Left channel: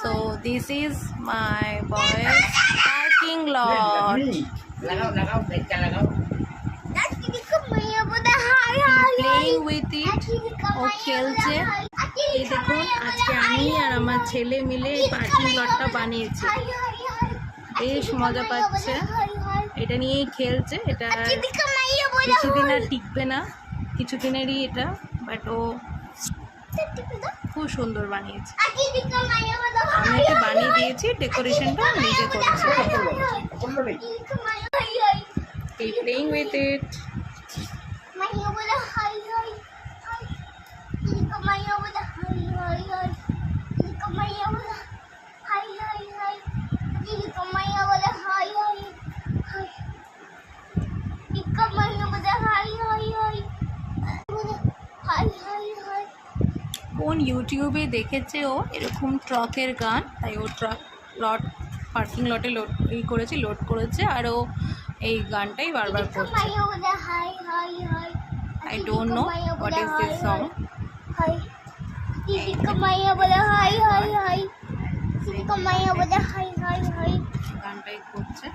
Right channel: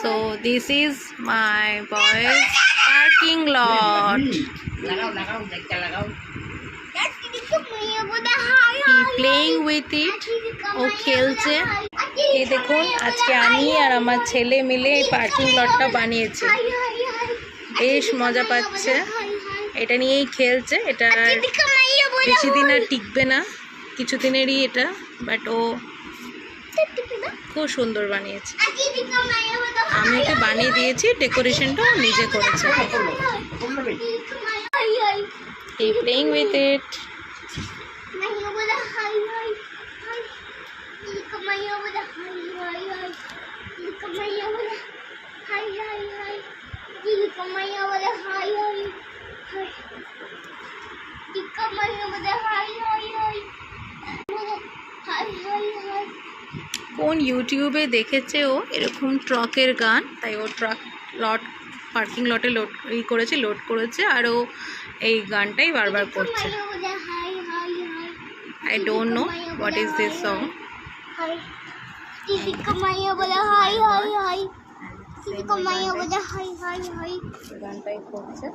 So this is my boys parking lot. He playing with it. ও খেলছে। এই দেখুন আজকে আমি আর আমার ছেলে মিলে এই পার্কিং লটটা বানিয়েছি। বেশ মজা পাচ্ছে, এটা নিয়েই খেলছে। এটা বেশি দিন আর টিকবে না, কিছুদিনেরই এটা, বাট ও খুব সুন্দর বানিয়েছে। আমি ওকে বানিয়ে দিয়েছি, ডেকোরেশনটা নিজে করেছে। এই প্লেইং উইথ ইট। কোন ইউটিউবে দেখেছে ও এরকম ট্রাকের গান, তাই ও ট্রাক লট পার্কিং লটে লোড করেছে আর ও এই গানটাই বারবার করছে। I don't know what is this song. গানটাই করছে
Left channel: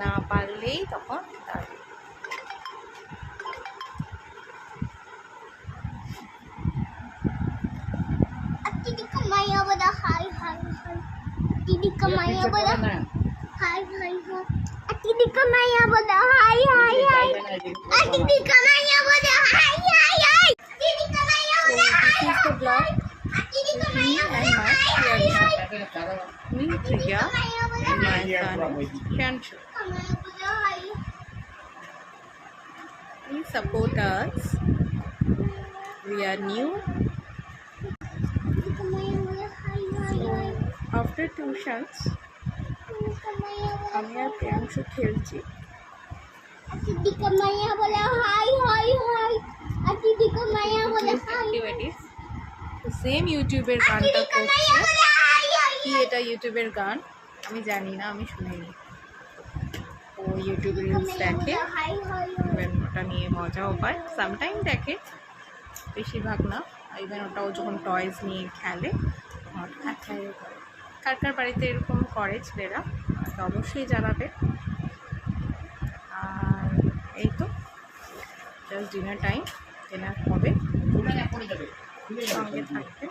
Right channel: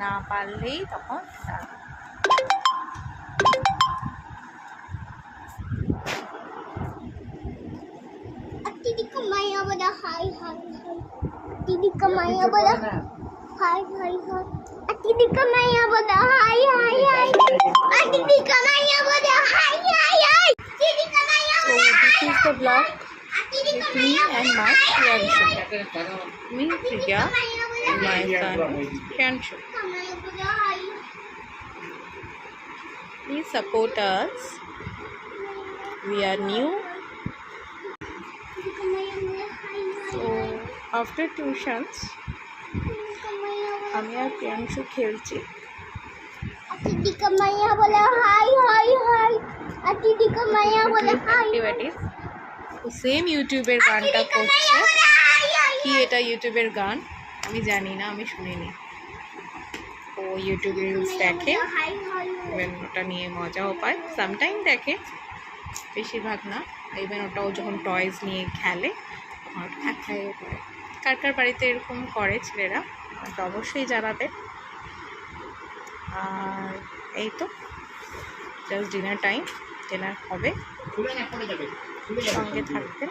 না পারলেই তখন So this is the vlog with me and my Priyanshu. Me, Priya, and my son Priyanshu. Please support us. We are new. So after tuitions, আমি আর প্রিয়াংশু খেলছি। Same ইউটিউবের গানটা করছে। কি এটা ইউটিউবের গান আমি জানি না, আমি শুনিনি। ও ইউটিউবে রিলস দেখে, ইভেন ওটা নিয়ে মজাও পায়। সামটাইম দেখে, বেশিরভাগ না। ইভেন ওটাও যখন টয়েস নিয়ে খেলে তখন ওটা একাই করে। কার কার বাড়িতে এরকম করে ছেলেরা আমাকে অবশ্যই জানাবে। আর এই তো জাস্ট ডিনার টাইম, ডিনার হবে, সঙ্গে থাকবেন।